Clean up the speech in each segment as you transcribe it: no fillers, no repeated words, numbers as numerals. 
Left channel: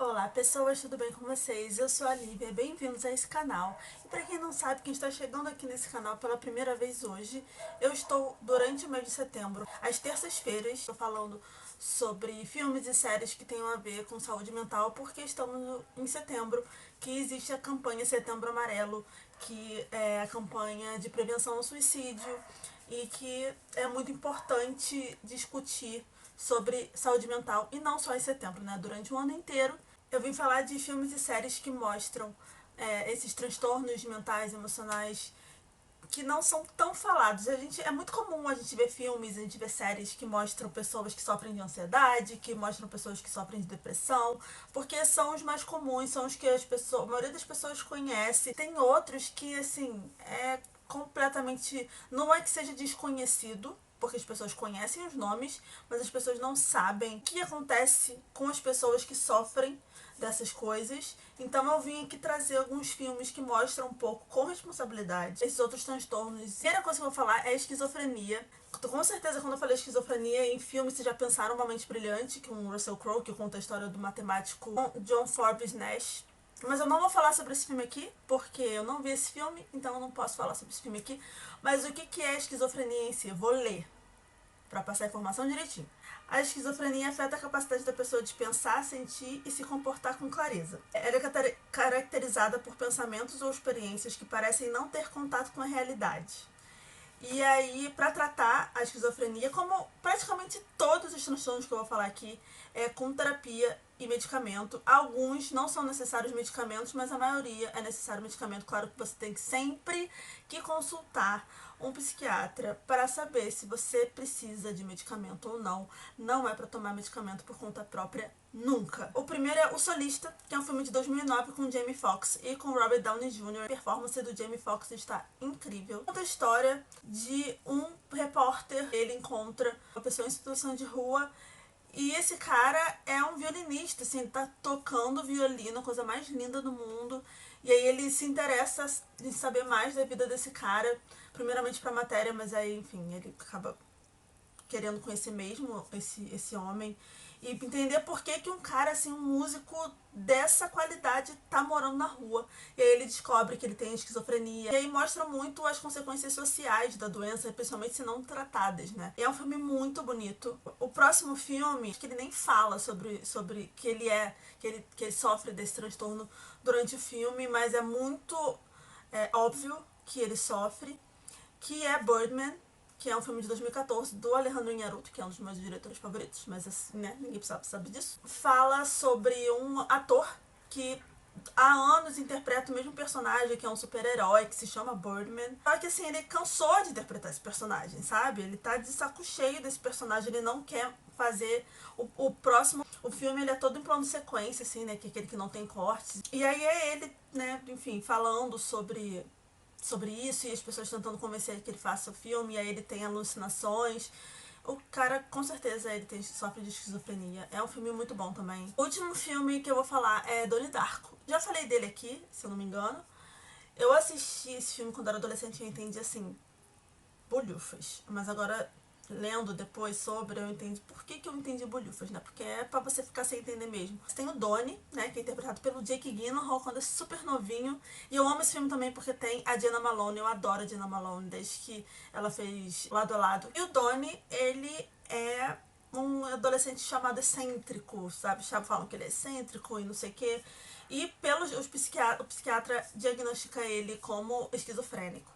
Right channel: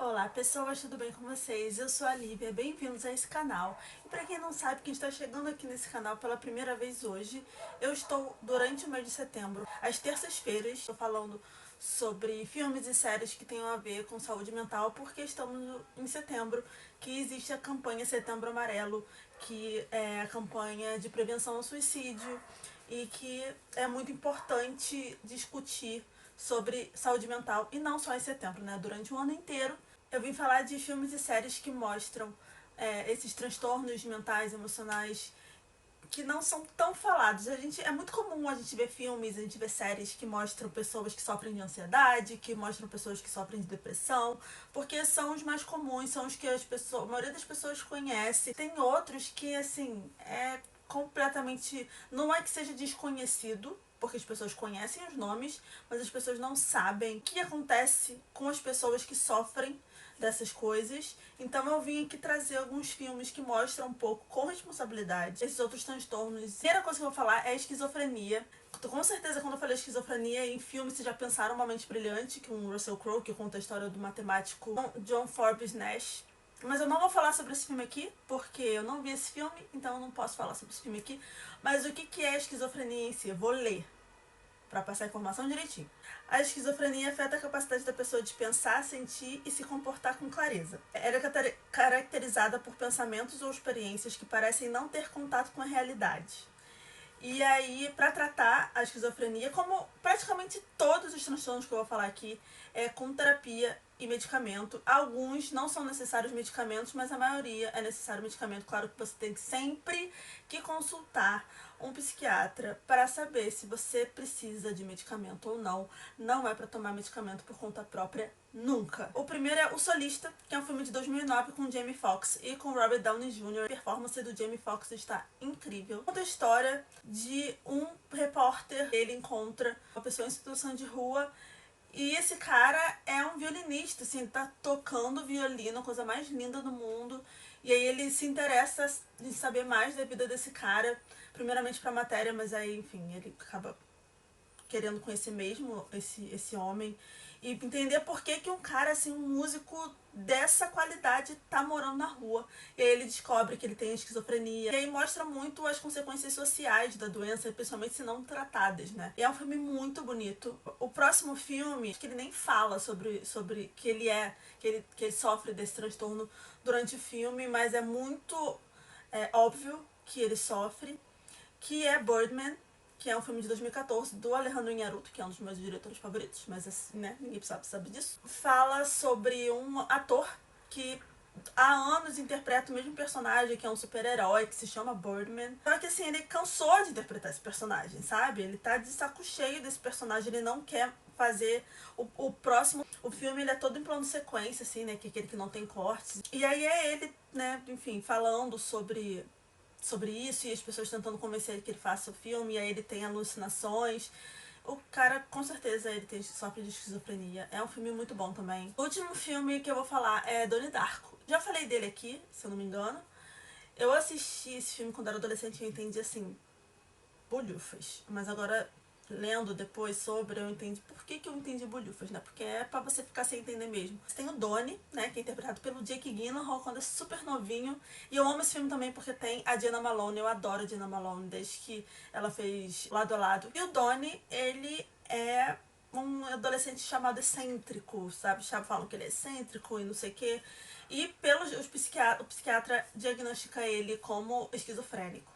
Olá pessoas, tudo bem com vocês? Eu sou a Lívia, bem-vindos a esse canal. E para quem não sabe, quem está chegando aqui nesse canal pela primeira vez hoje, eu estou durante o mês de setembro, às terças-feiras, estou falando sobre filmes e séries que tenham a ver com saúde mental, porque estamos em setembro, que existe a campanha Setembro Amarelo, que é a campanha de prevenção ao suicídio e que é muito importante discutir sobre saúde mental, e não só em setembro, né? Durante o ano inteiro eu vim falar de filmes e séries que mostram esses transtornos mentais, emocionais, que não são tão falados. É muito comum a gente ver filmes, a gente ver séries que mostram pessoas que sofrem de ansiedade, que mostram pessoas que sofrem de depressão, porque são os mais comuns, são os que a maioria das pessoas conhece. Tem outros que, assim, completamente, não é que seja desconhecido, porque as pessoas conhecem os nomes, mas as pessoas não sabem o que acontece com as pessoas que sofrem dessas coisas. Então eu vim aqui trazer alguns filmes que mostram um pouco com responsabilidade esses outros transtornos. A primeira coisa que eu vou falar é a esquizofrenia. Com certeza, quando eu falei esquizofrenia em filme, vocês já pensaram Uma Mente Brilhante, que é um Russell Crowe, que conta a história do matemático John Forbes Nash. Mas eu não vou falar sobre esse filme aqui, porque eu não vi esse filme, então eu não posso falar sobre esse filme aqui. Mas o que é a esquizofrenia em si? Eu vou ler para passar a informação direitinho. A esquizofrenia afeta a capacidade da pessoa de pensar, sentir e se comportar com clareza. Ela é caracterizada por pensamentos ou experiências que parecem não ter contato com a realidade. E aí, para tratar a esquizofrenia, como praticamente todos os transtornos que eu vou falar aqui, é com terapia e medicamento. Alguns não são necessários medicamentos, mas a maioria é necessário medicamento. Claro que você tem sempre que consultar um psiquiatra para saber se você precisa de medicamento ou não. Não é para tomar medicamento por conta própria nunca. O primeiro é O Solista, que é um filme de 2009 com Jamie Foxx e com Robert Downey Jr. A performance do Jamie Foxx está incrível. Conta a história de um repórter. Ele encontra uma pessoa em situação de rua e esse cara é um violinista, assim, ele tá tocando violino, a coisa mais linda do mundo. E aí ele se interessa em saber mais da vida desse cara, primeiramente pra matéria, mas aí, enfim, ele acaba querendo conhecer mesmo esse homem e entender por que um cara, assim, um músico dessa qualidade tá morando na rua. E aí ele descobre que ele tem esquizofrenia. E aí mostra muito as consequências sociais da doença, principalmente se não tratadas, né? E é um filme muito bonito. O próximo filme, que ele nem fala sobre que ele sofre desse transtorno durante o filme, mas é muito óbvio que ele sofre, que é Birdman, que é um filme de 2014 do Alejandro Inarritu, que é um dos meus diretores favoritos, mas assim, né, ninguém sabe disso. Fala sobre um ator que há anos interpreta o mesmo personagem, que é um super-herói, que se chama Birdman. Só que assim, ele cansou de interpretar esse personagem, sabe? Ele tá de saco cheio desse personagem, ele não quer fazer o próximo. O filme ele é todo em plano sequência, assim, né? Que é aquele que não tem cortes. E aí é ele, né, enfim, falando sobre isso e as pessoas tentando convencer que ele faça o filme, e aí ele tem alucinações. O cara, com certeza, ele sofre de esquizofrenia. É um filme muito bom também. O último filme que eu vou falar é Donnie Darko. Já falei dele aqui, se eu não me engano. Eu assisti esse filme quando era adolescente e eu entendi, assim, bolhufas. Mas agora, lendo depois sobre, eu entendi por que eu entendi bolhufas, né? Porque é pra você ficar sem entender mesmo. Você tem o Donnie, né? Que é interpretado pelo Jake Gyllenhaal quando é super novinho. E eu amo esse filme também porque tem a Jenna Malone. Eu adoro a Jenna Malone desde que ela fez Lado a Lado. E o Donnie, ele é um adolescente chamado excêntrico, sabe? Falam que ele é excêntrico e não sei o quê. E o psiquiatra diagnostica ele como esquizofrênico.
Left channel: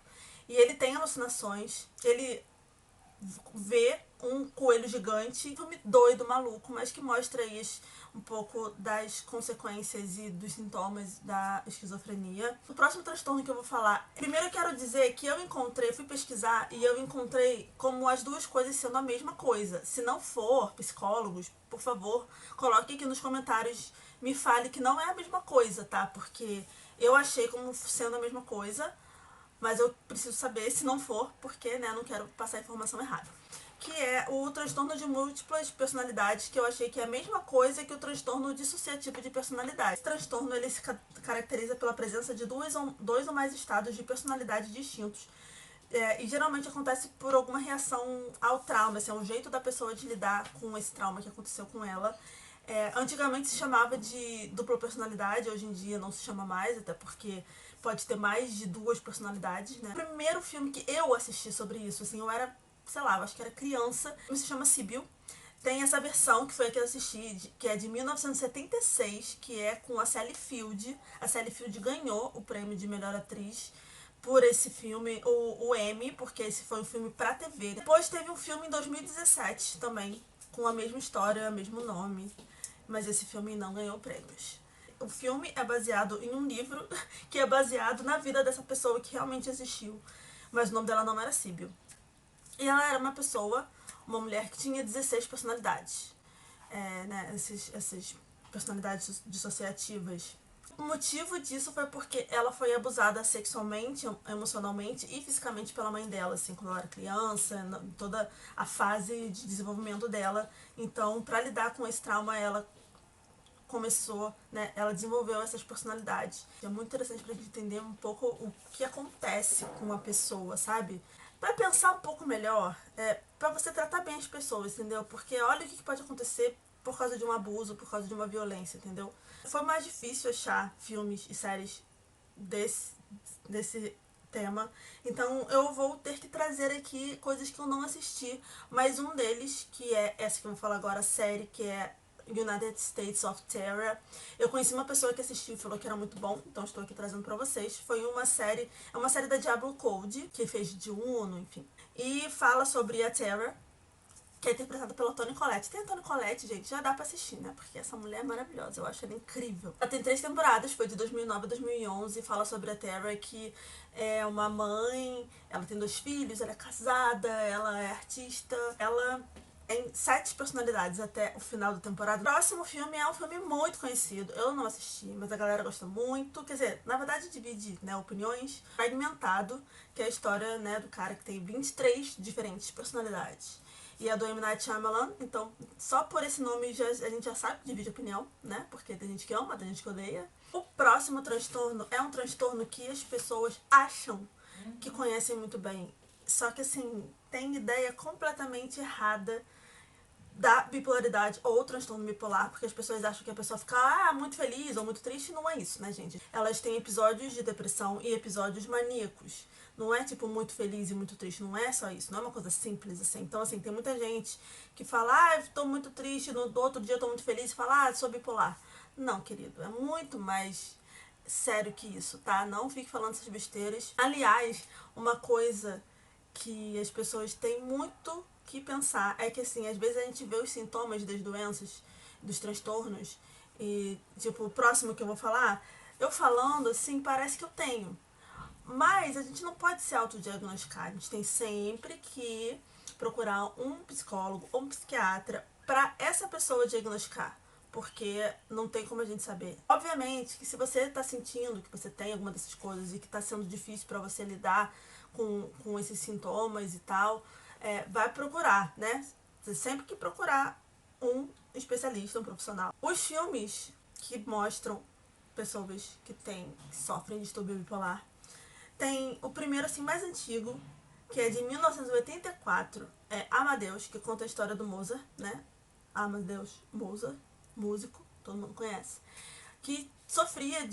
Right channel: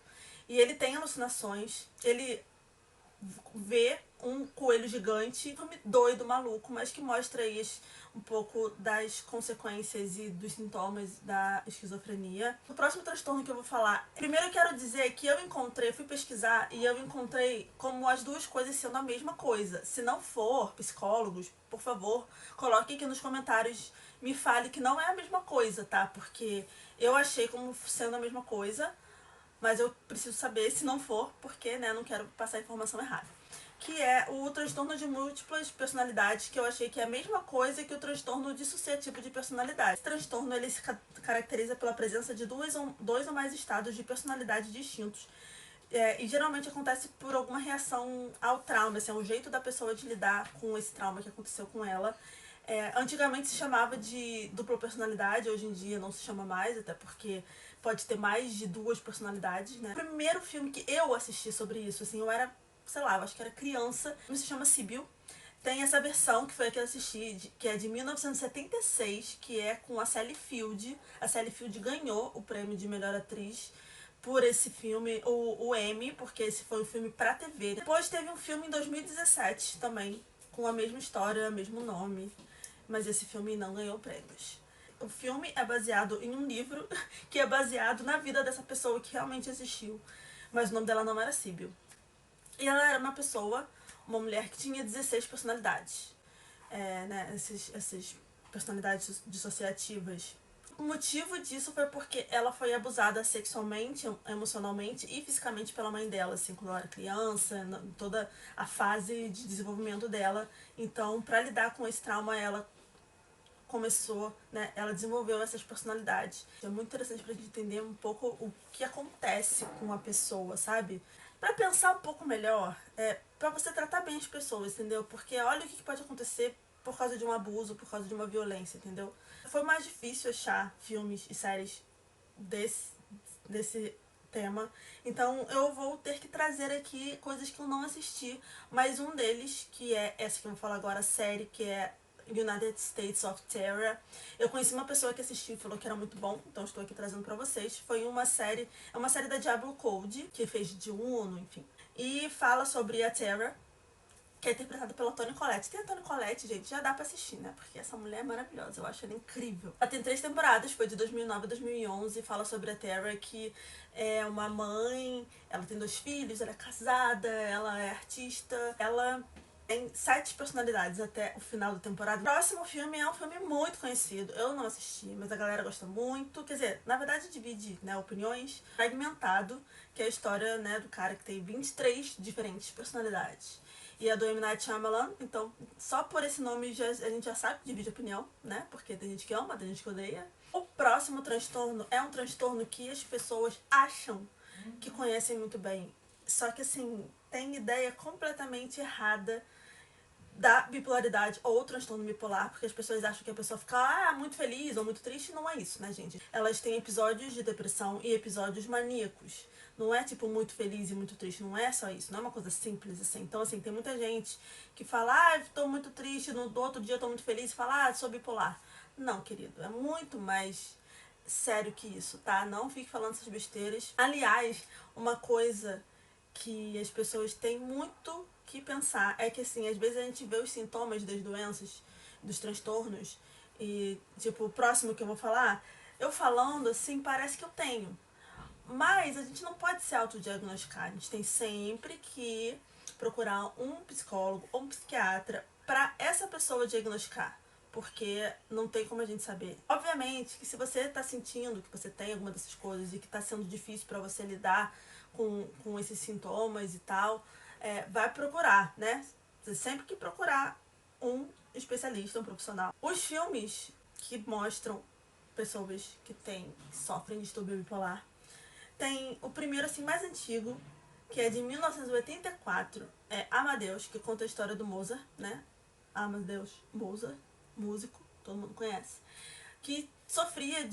E ele tem alucinações, ele vê um coelho gigante, filme doido, maluco, mas que mostra aí um pouco das consequências e dos sintomas da esquizofrenia. O próximo transtorno que eu vou falar, primeiro eu quero dizer que fui pesquisar e eu encontrei como as duas coisas sendo a mesma coisa. Se não for, psicólogos, por favor, coloque aqui nos comentários, me fale que não é a mesma coisa, tá? Porque eu achei como sendo a mesma coisa, mas eu preciso saber se não for, porque, né, não quero passar a informação errada. Que é o transtorno de múltiplas personalidades, que eu achei que é a mesma coisa que o transtorno dissociativo de personalidade. Esse transtorno ele se caracteriza pela presença de dois ou mais estados de personalidade distintos. E geralmente acontece por alguma reação ao trauma, assim, é um jeito da pessoa de lidar com esse trauma que aconteceu com ela. Antigamente se chamava de dupla personalidade, hoje em dia não se chama mais, até porque pode ter mais de duas personalidades, né? O primeiro filme que eu assisti sobre isso, assim, eu era, sei lá, eu acho que era criança, se chama Sibyl. Tem essa versão, que foi a que eu assisti, que é de 1976, que é com a Sally Field. A Sally Field ganhou o prêmio de melhor atriz por esse filme, o Emmy, porque esse foi um filme pra TV. Depois teve um filme em 2017 também, com a mesma história, o mesmo nome, mas esse filme não ganhou prêmios. O filme é baseado em um livro que é baseado na vida dessa pessoa que realmente existiu, mas o nome dela não era Sibyl. E ela era uma mulher que tinha 16 personalidades, né, esses personalidades dissociativas. O motivo disso foi porque ela foi abusada sexualmente, emocionalmente e fisicamente pela mãe dela, assim, quando ela era criança, toda a fase de desenvolvimento dela. Então, para lidar com esse trauma, ela começou, né, ela desenvolveu essas personalidades. É muito interessante pra gente entender um pouco o que acontece com a pessoa, sabe? Pra pensar um pouco melhor, pra você tratar bem as pessoas, entendeu? Porque olha o que pode acontecer por causa de um abuso, por causa de uma violência, entendeu? Foi mais difícil achar filmes e séries desse tema. Então eu vou ter que trazer aqui coisas que eu não assisti, mas um deles, que é essa que eu vou falar agora, a série, que é United States of Terror. Eu conheci uma pessoa que assistiu e falou que era muito bom, então estou aqui trazendo pra vocês. Foi uma série, é uma série da Diablo Code, que fez de Uno, enfim. E fala sobre a Terror, que é interpretada pela Toni Collette. Tem a Toni Collette, gente, já dá pra assistir, né? Porque essa mulher é maravilhosa, eu acho ela incrível. Ela tem 3 temporadas, foi de 2009 a 2011, fala sobre a Terra, que é uma mãe, ela tem 2 filhos, ela é casada, ela é artista, ela tem 7 personalidades até o final da temporada. O próximo filme é um filme muito conhecido, eu não assisti, mas a galera gosta muito, quer dizer, na verdade divide, né, opiniões. Fragmentado, que é a história, né, do cara que tem 23 diferentes personalidades. E a do M. Night Shyamalan, então, só por esse nome a gente já sabe que divide opinião, né? Porque tem gente que ama, tem gente que odeia. O próximo transtorno é um transtorno que as pessoas acham que conhecem muito bem. Só que, assim, tem ideia completamente errada da bipolaridade ou transtorno bipolar, porque as pessoas acham que a pessoa fica muito feliz ou muito triste. Não é isso, né, gente? Elas têm episódios de depressão e episódios maníacos. Não é tipo muito feliz e muito triste, não é só isso, não é uma coisa simples assim. Então, assim, tem muita gente que fala, tô muito triste, no outro dia tô muito feliz, e fala, sou bipolar. Não, querido, é muito mais sério que isso, tá? Não fique falando essas besteiras. Aliás, uma coisa que as pessoas têm muito que pensar é que, assim, às vezes a gente vê os sintomas das doenças, dos transtornos, e, tipo, o próximo que eu vou falar, eu falando, assim, parece que eu tenho. Mas a gente não pode se autodiagnosticar. A gente tem sempre que procurar um psicólogo ou um psiquiatra para essa pessoa diagnosticar. Porque não tem como a gente saber. Obviamente que se você tá sentindo que você tem alguma dessas coisas e que tá sendo difícil para você lidar com esses sintomas e tal, vai procurar, né? Você sempre que procurar um especialista, um profissional. Os filmes que mostram pessoas que sofrem de distúrbio bipolar, tem o primeiro, assim, mais antigo, que é de 1984, é Amadeus, que conta a história do Mozart, né? Amadeus Mozart, músico, todo mundo conhece, que sofria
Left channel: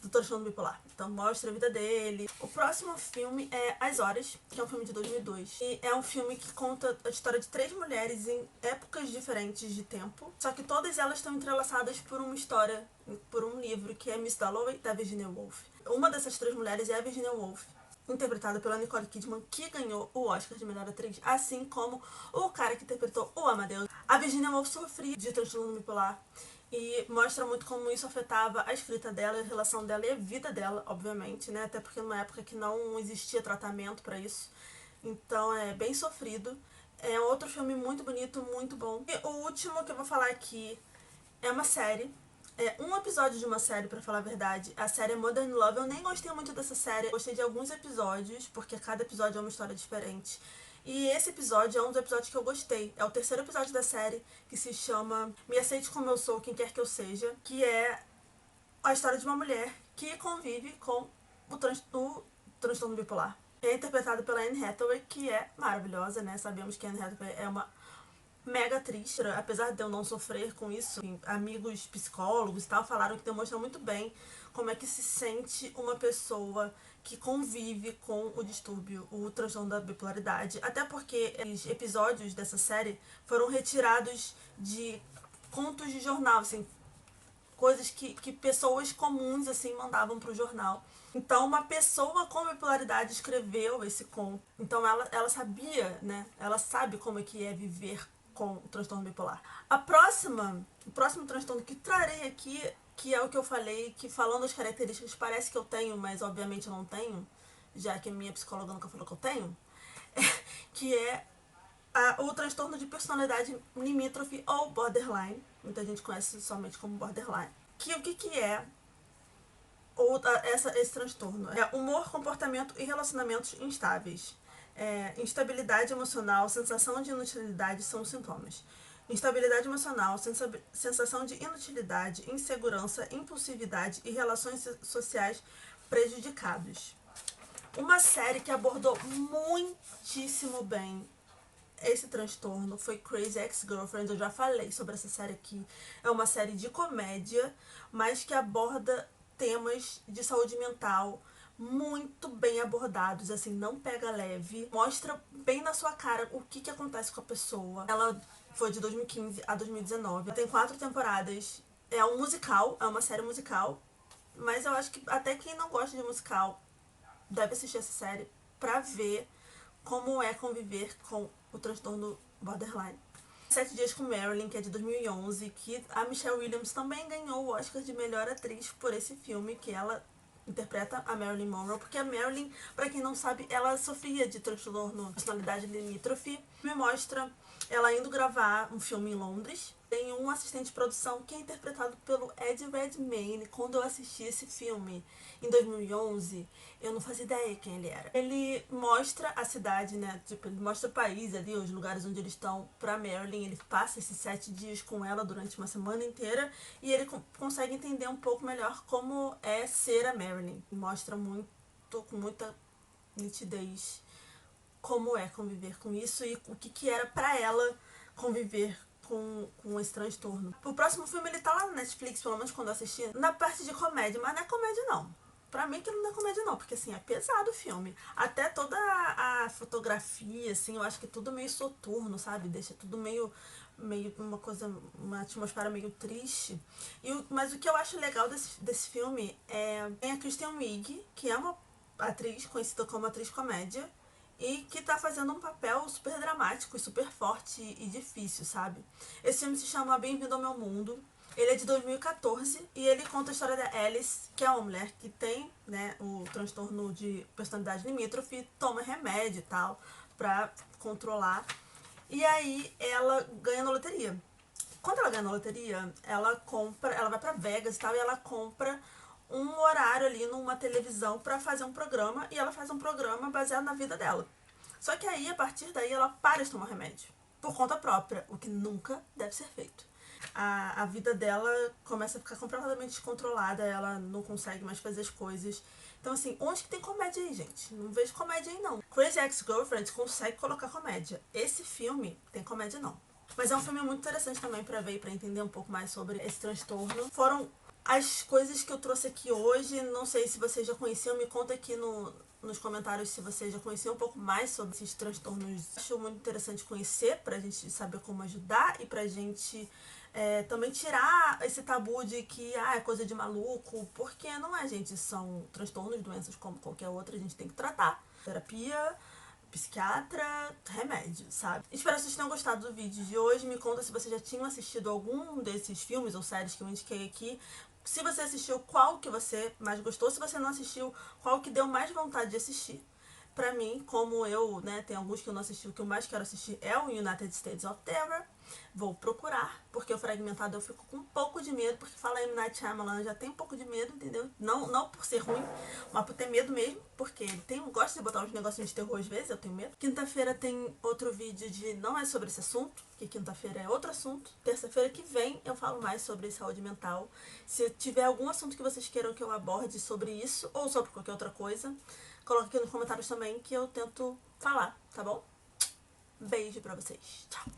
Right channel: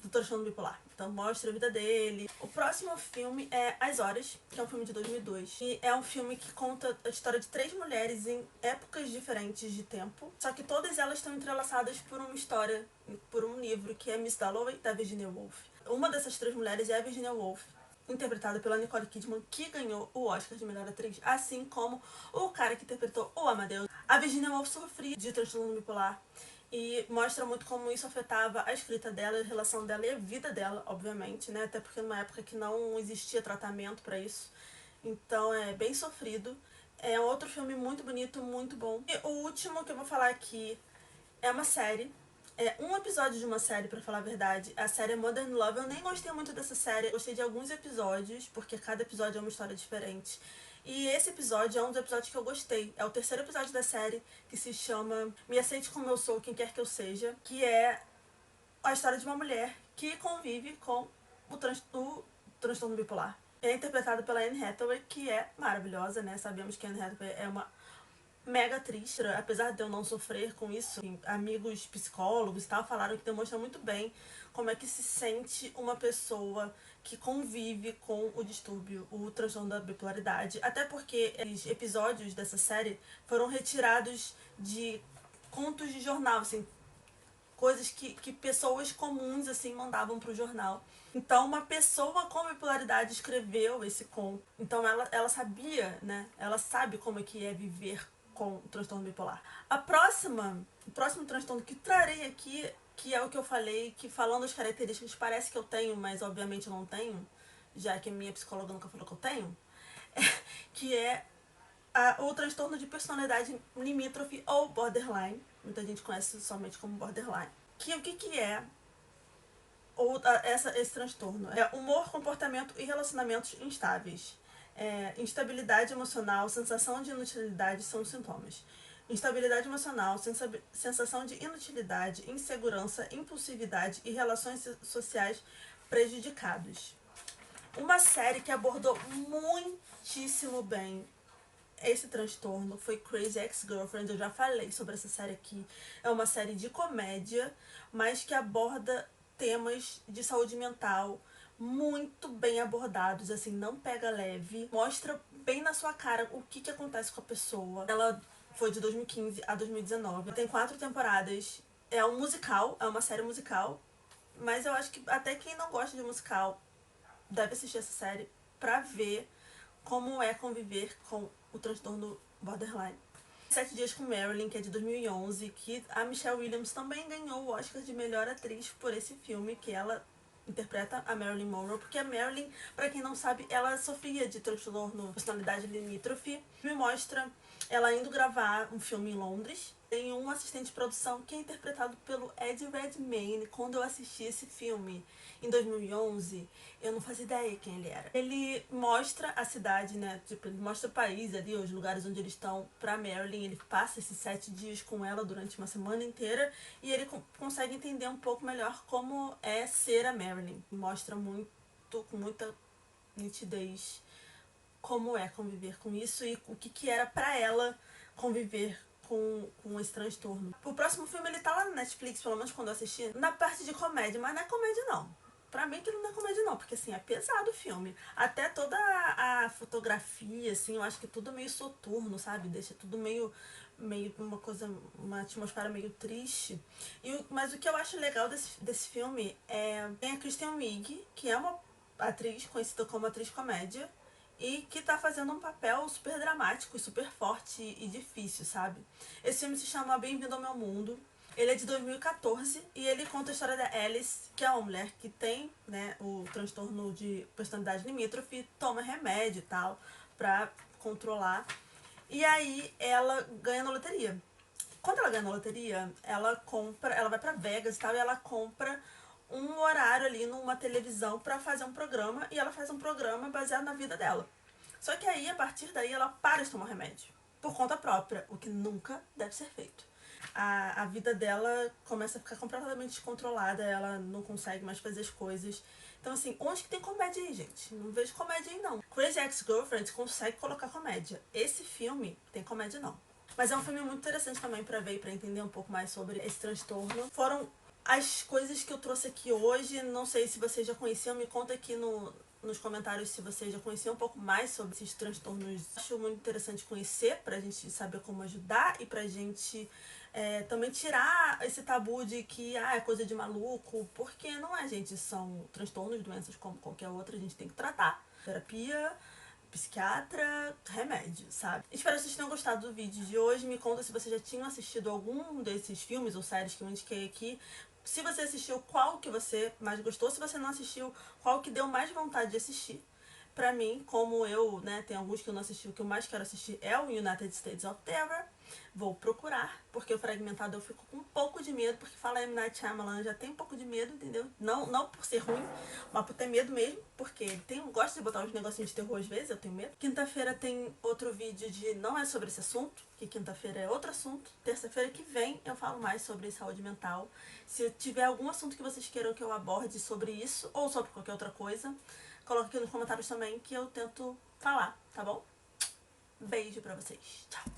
do transtorno bipolar. Então mostra a vida dele. O próximo filme é As Horas, que é um filme de 2002. E é um filme que conta a história de 3 mulheres em épocas diferentes de tempo. Só que todas elas estão entrelaçadas por uma história, por um livro, que é Miss Dalloway, da Virginia Woolf. Uma dessas 3 mulheres é a Virginia Woolf, interpretada pela Nicole Kidman, que ganhou o Oscar de melhor atriz, assim como o cara que interpretou o Amadeus. A Virginia Woolf sofria de transtorno bipolar e mostra muito como isso afetava a escrita dela, a relação dela e a vida dela, obviamente, né? Até porque numa época que não existia tratamento para isso. Então é bem sofrido. É outro filme muito bonito, muito bom. E o último que eu vou falar aqui é uma série. É um episódio de uma série, pra falar a verdade. A série é Modern Love. Eu nem gostei muito dessa série. Eu gostei de alguns episódios, porque cada episódio é uma história diferente. E esse episódio é um dos episódios que eu gostei. É o terceiro episódio da série, que se chama Me Aceite Como Eu Sou, Quem Quer Que Eu Seja, que é a história de uma mulher que convive com o transtorno bipolar. É interpretada pela Anne Hathaway, que é maravilhosa, né? Sabemos que a Anne Hathaway é uma mega triste, apesar de eu não sofrer com isso. Amigos psicólogos e tal falaram que demonstra muito bem como é que se sente uma pessoa que convive com o distúrbio, o transtorno da bipolaridade. Até porque os episódios dessa série foram retirados de contos de jornal, assim, coisas que pessoas comuns assim mandavam pro jornal. Então uma pessoa com bipolaridade escreveu esse conto. Então ela sabia, né? Ela sabe como é que é viver com o transtorno bipolar. O próximo transtorno que trarei aqui, que é o que eu falei, que falando as características parece que eu tenho, mas obviamente eu não tenho, já que a minha psicóloga nunca falou que eu tenho, que é o transtorno de personalidade limítrofe ou borderline. Muita gente conhece somente como borderline. O que é esse transtorno? É humor, comportamento e relacionamentos instáveis. Instabilidade emocional, sensação de inutilidade são os sintomas. Instabilidade emocional, sensação de inutilidade, insegurança, impulsividade e relações sociais prejudicados. Uma série que abordou muitíssimo bem esse transtorno foi Crazy Ex-Girlfriend. Eu já falei sobre essa série aqui. É uma série de comédia, mas que aborda temas de saúde mental muito bem abordados, assim, não pega leve, mostra bem na sua cara o que acontece com a pessoa. Ela foi de 2015 a 2019, tem 4 temporadas, é um musical, é uma série musical, mas eu acho que até quem não gosta de musical deve assistir essa série pra ver como é conviver com o transtorno borderline. 7 Dias com Marilyn, que é de 2011, que a Michelle Williams também ganhou o Oscar de melhor atriz por esse filme, que ela interpreta a Marilyn Monroe, porque a Marilyn, pra quem não sabe, ela sofria de transtorno de personalidade limítrofe. Me mostra ela indo gravar um filme em Londres. Tem um assistente de produção que é interpretado pelo Ed Redmayne. Quando eu assisti esse filme em 2011, eu não fazia ideia quem ele era. Ele mostra a cidade, né? Tipo, ele mostra o país ali, os lugares onde eles estão pra Marilyn. Ele passa esses 7 dias com ela durante uma semana inteira e ele consegue entender um pouco melhor como é ser a Marilyn. Mostra com muita nitidez como é conviver com isso e o que era pra ela conviver com esse transtorno. O próximo filme ele tá lá na Netflix, pelo menos quando eu assisti, na parte de comédia, mas não é comédia não. Pra mim que não é comédia não, porque assim, é pesado o filme. Até toda a fotografia, assim, eu acho que é tudo meio soturno, sabe? Deixa tudo meio uma coisa, uma atmosfera meio triste. Mas o que eu acho legal desse filme é tem a Kristen Wiig, que é uma atriz conhecida como atriz comédia, e que tá fazendo um papel super dramático e super forte e difícil, sabe? Esse filme se chama Bem-vindo ao Meu Mundo. Ele é de 2014 e ele conta a história da Alice, que é uma mulher que tem, né, o transtorno de personalidade limítrofe, toma remédio e tal pra controlar. E aí ela ganha na loteria. Quando ela ganha na loteria, ela vai pra Vegas e tal, e ela compra um horário ali numa televisão pra fazer um programa, e ela faz um programa baseado na vida dela. Só que aí, a partir daí, ela para de tomar remédio, por conta própria, o que nunca deve ser feito. A vida dela começa a ficar completamente descontrolada, ela não consegue mais fazer as coisas. Então, assim, onde que tem comédia aí, gente? Não vejo comédia aí, não. Crazy Ex-Girlfriend consegue colocar comédia. Esse filme tem comédia, não. Mas é um filme muito interessante também pra ver e pra entender um pouco mais sobre esse transtorno. Foram as coisas que eu trouxe aqui hoje. Não sei se vocês já conheciam, me conta aqui nos comentários se vocês já conheciam um pouco mais sobre esses transtornos. Acho muito interessante conhecer pra gente saber como ajudar e pra gente também tirar esse tabu de que é coisa de maluco, porque não é, gente, são transtornos, doenças como qualquer outra, a gente tem que tratar. Terapia, psiquiatra, remédio, sabe? Espero que vocês tenham gostado do vídeo de hoje. Me conta se vocês já tinham assistido algum desses filmes ou séries que eu indiquei aqui. Se você assistiu, qual que você mais gostou. Se você não assistiu, qual que deu mais vontade de assistir. Pra mim, como eu, né, tem alguns que eu não assisti, o que eu mais quero assistir é o United States of Terror. Vou procurar, porque o Fragmentado eu fico com um pouco de medo, porque fala M. Night Shyamalan, eu já tenho um pouco de medo, entendeu? Não por ser ruim, mas por ter medo mesmo, porque gosta de botar uns negocinhos de terror às vezes, eu tenho medo. Quinta-feira tem outro vídeo de não é sobre esse assunto, que quinta-feira é outro assunto. Terça-feira que vem eu falo mais sobre saúde mental. Se tiver algum assunto que vocês queiram que eu aborde sobre isso, ou sobre qualquer outra coisa, coloca aqui nos comentários também que eu tento falar, tá bom? Beijo pra vocês. Tchau!